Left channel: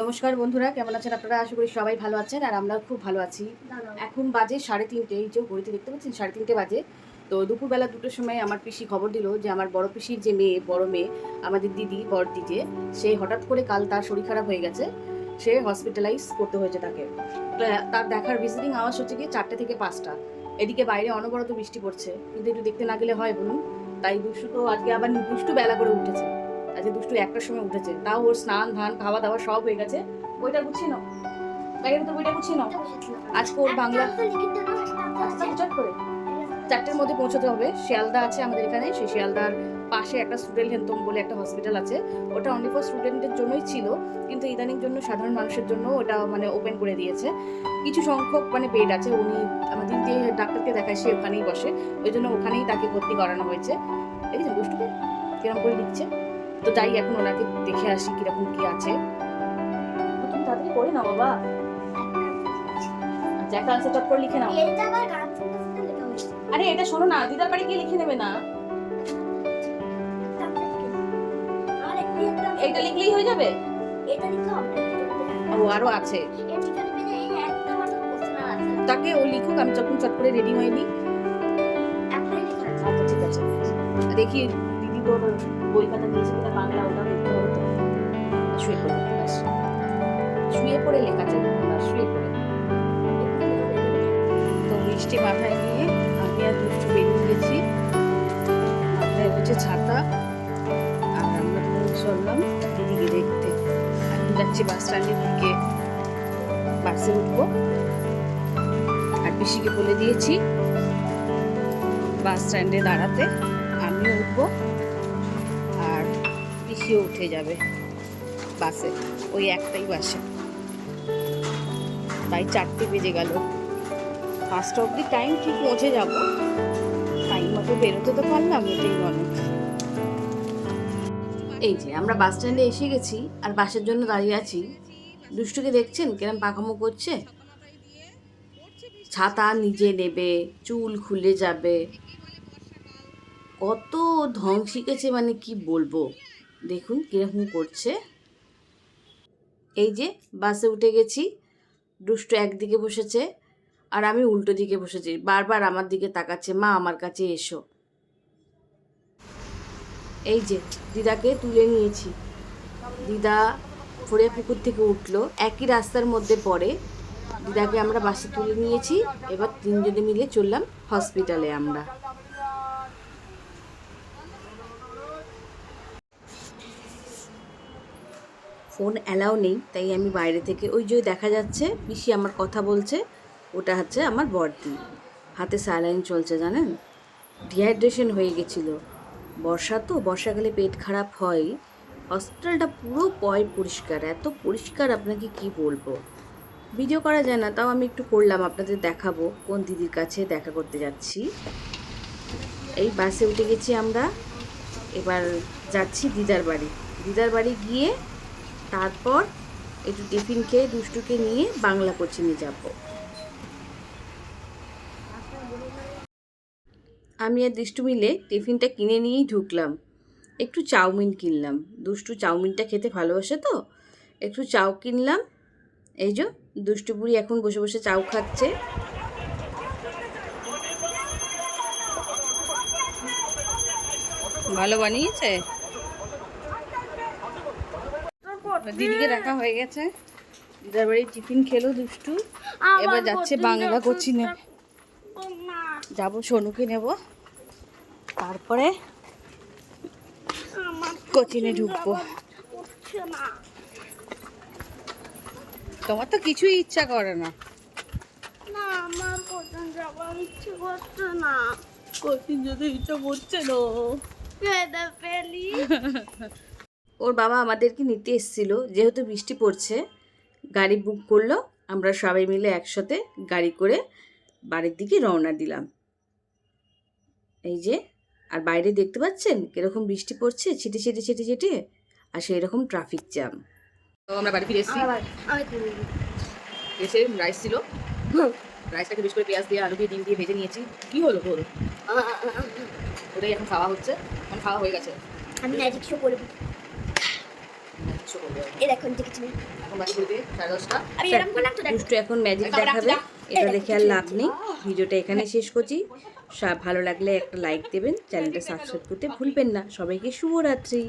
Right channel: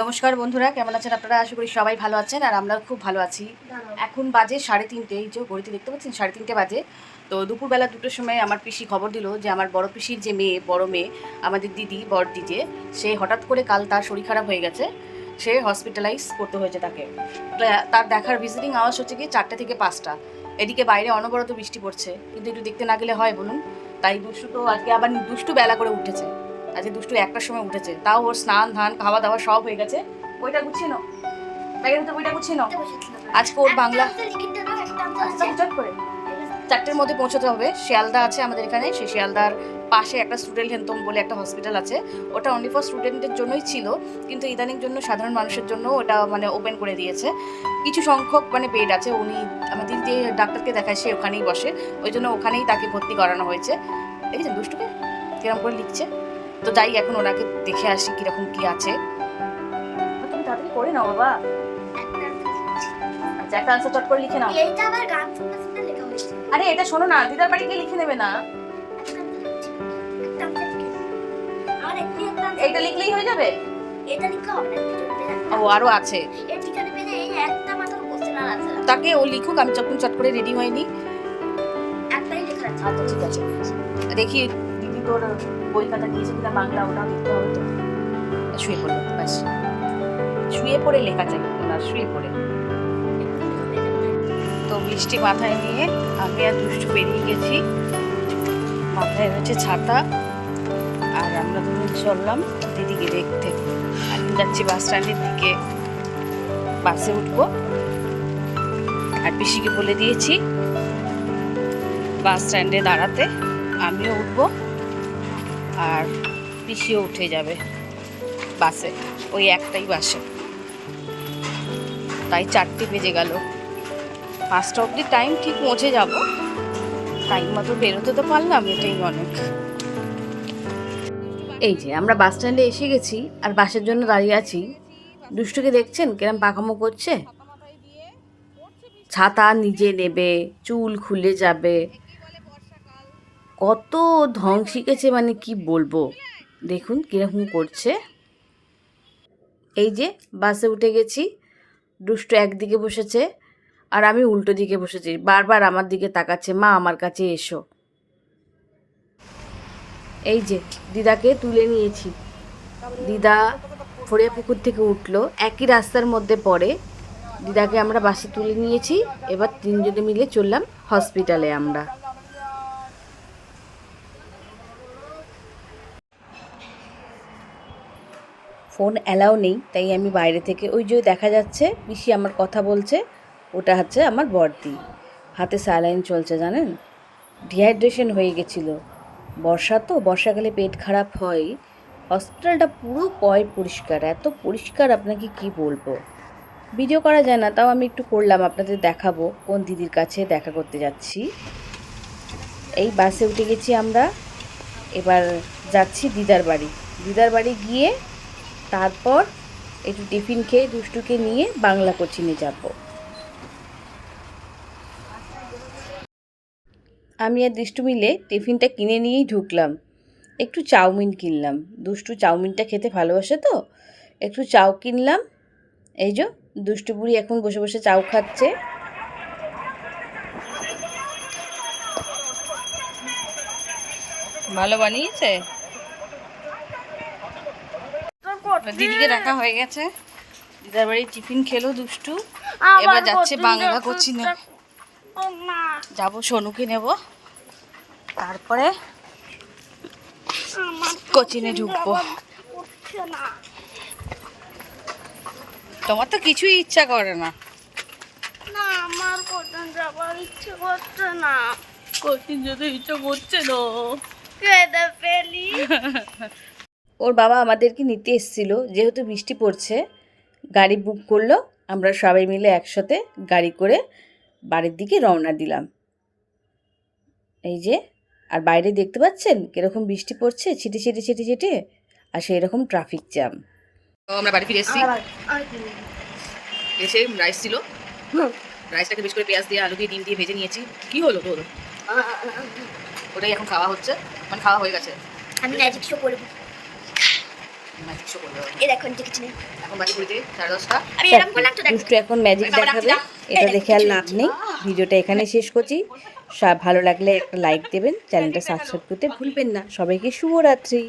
নমস্কার বন্ধুরা, কেমন আছেন আপনারা? আশা করি সবাই ভালো আছেন আর আমরা খুব ভালো আছি। এখন বাজে 3:30, এই যে ঘড়িতে দেখতে পাচ্ছেন 3:30 বাজে। তো দুপুরবেলা 2টোর সময় আমার পিসি খবর দিল যে আমার বড় পিসির যে মেয়ে, বড় মেয়ে, আমাদের দিদি, বড় দিদি, সে হঠাৎ করে কাল তার শরীর খারাপ হয়ে গেছে, সে হসপিটালাইজ করতে হয়েছে তাকে। তার দেখার ভিজিটিং আওয়ার্স হচ্ছে কি 4টে থেকে 5টা। এদিকে বাইরে অনবরত বৃষ্টি পড়ছে, কিন্তু একটু দেখতে না গেলে হয় বলুন? তাই দুষ্টু তো আজকে আবার দুষ্টু বেলা করে উঠেছে। আজকে দুষ্টু 1টার সময় উঠেছে, তাও ওর স্নান ধান খাওয়া দাওয়া সব হয়ে গেছে। বইটা গুছিয়ে নাও, ব্যাগের ভিতরে বইটা গুছিয়ে নাও। আজকে ওর বাংলা চট করে 4টের মধ্যে পৌঁছতে হবে। শিয়ালদা আছে আমাদের এখানে, সেই শিয়ালদার পাশে একটা স্টুডেন্ট হেনতম বলে একটা হসপিটাল আছে। ওটা অনলি ফর স্টুডেন্টের জন্যই ছিল, কিন্তু ইদানিং জন্য সাধারণ মানুষের জন্য ওটা মানে ওপেন করে দিয়েছে। কিছু সংখ্যক মানে বেড আছে। উনি আমাদের যে ডাক্তারকে দেখায় সে ওখানেই বসে, ওই জন্য ওখানেই তাকে ভর্তি করানো হয়েছে। দেখেছেন দুষ্টুকে কিরকম করে লিখছে? তো যাই এখন ওনাকে দেখে আসি কিরকম কি আছে। তুমি তাড়াতাড়ি করে নাও বাবা। আচ্ছা, একটা আনসার চট করে লিখে নাও। আরে এটা শোনো না, দিদার বাড়ি গিয়ে লিখে নেবে না? এইটা লিখলেই হয়ে যাবে? এটা লিখলে হবে না, ও আরো আছে। তাকে ও লিখুক, আমি যখন চট করে রেডি হয়নি। আচ্ছা ঠিক আছে, দেখি দিদি তোর বই খাতা নিয়েছে কিনা বাংলা, ওটাও দেখতে হবে তো। শুয়ে পড়ে ব্যাস, শুয়ে পড়ে লেখা চাই না, শুয়ে পড়ে। তো মিষ্টি মাথায় নিয়ে আমি আর দুষ্টু বেরিয়ে গেছি। মাথায় রয়েছে ছাতা, আর আমরা দুজন চললাম দিদিকে দেখতে। এখন যাচ্ছি বাস স্ট্যান্ডের দিকে, বাসে উঠবো। আর পিসিকে বলে দিয়েছি বাস স্ট্যান্ডে দাঁড়াতে, আমিও উঠবো আর পিসিও উঠে যাবে বাসে, ওই একটাই বাসে। তাই 4টে বেজে গেল। 5টা অবধি টাইম ঠিক পৌঁছে যাব, টাইম মতো বেরোতে তো পারলাম, এটাই অনেক। এই যে আমরা বাস স্ট্যান্ডে এসে গেছি আর বাসের জন্য দাঁড়িয়ে আছি। দুষ্টুকে দেখছেন কিরম পাকামো করছে? ছাতা নিজে নেবে, চুল খুলে যাবে, কত ঢং শিখেছে মানে কি বলবো। দেখুন কিরকম করছে। এই যে বাসে উঠে গেছি, দুষ্টু একদিকে বসেছে আর আমি উল্টো দিকে বসেছি। বারবার আমার দিকে তাকাচ্ছে, মা আমার কাছে এসো। এই যে দিদাকে তুলে নিয়েছি, দিদা ফড়িয়া পুকুর থেকে উঠলো, একই রাস্তার মধ্যে পড়ে। দিদাকে আমরা বাসে তুলে নিয়েছি, এবার 3জনে মিলে চললাম হসপিটালে। আমরা ফোন অ্যালাউ নেই, তাই আমি বাইরে থেকে, ওই যে দেখা যাচ্ছে পিসি আমার কথা বলছে, ওটা হচ্ছে আমার বড়দি, হাতে স্যালাইন চলছে জানেন। ডিহাইড্রেশন হয়ে গেছিলো, বর্ষা তো, বর্ষাকালে পেট খারাপ হয়। হসপিটালটা পুরো পরিষ্কার, এত পরিষ্কার আপনাকে কি বলবো। ভিডিও করা যায় না, তাও আমি একটু করলাম, আপনাদের দেখাবো কোন দিদির কাছে দেখা করতে যাচ্ছি। এই বাসে উঠে গেছি আমরা, এবার যাচ্ছি দিদার বাড়ি। দিদার বাড়ি গিয়ে তারপর একটু টিফিন খেয়ে দুষ্টুকে নিয়ে বাংলা কোচিংয়ে যাব। আমি আর দুষ্টু মিলে টিফিনটা কিনে নিয়েই ঢুকলাম। একটু চাউমিন কিনলাম, দুষ্টু চাউমিনটা খেতে ভালোবাসে তো, একটু চাউ কিনলাম। এই যে দুষ্টু বুড়ি এখন বসে বসে চাউ খাচ্ছে। ভালো বানিয়েছে, দিদিকে রাখা হয়ে গেছে। দিদার বাড়ি টিফিন খেলো দুষ্টু, এবার যাচ্ছে বাংলা কোচিনে। যাবো, সোনুকে নেব, তারপরে কোচিনে ঢুকবো। তোমার তো কিছুই ইচ্ছা করে না? না, আমার কোচিং যাবার ইচ্ছে করছে না। কোচিন যেতে ইচ্ছা করছে না। কেঁদে ফেলি। ওর বাবা আমাদেরকে নিতে এসেছিল, যেহেতু বৃষ্টি পড়ছে গাড়ি বুক করলো। আমরা সবাই মিলে একসাথে গাড়ি করে বাড়ির দিকে রওনা দিলাম। এই যে, আর বাইরে দেখতে পাচ্ছেন কিরকম বৃষ্টি পড়ছে, ছিটে ছিটে ছিটে ছিটে, আর সেই রকম ট্রাফিক জ্যাম। তো আমরা বাড়ি ফিরে এসেছি, এসে রাইস ছিল, রাইসটাকে বেশ করে পেঁয়াজ দিয়ে, আলু দিয়ে, ডিম দিয়ে ভেজে নিয়েছি। কি হলো তোর? ওটাই এখন খাওয়া হচ্ছে, মানে খাওয়া হয়ে গেছে। আমি ম্যাজিক শো করব। কিচ্ছু করতে হবে না। এই দেখো নিচে কিছু নেই। এখন বাজে ঘড়িতে 10:30। আমি এরকম করলাম তো দেখো। দুষ্টু এখন ম্যাজিক দেখাবে, এটা দেখে আর লাভ নেই। ভিডিওটা এখানে শেষ করছি। ভালো লাগলে একটা লাইক দেবেন, চ্যানেলটা সাবস্ক্রাইব করতে ভুলবেন না। সবাইকে শুভরাত্রি।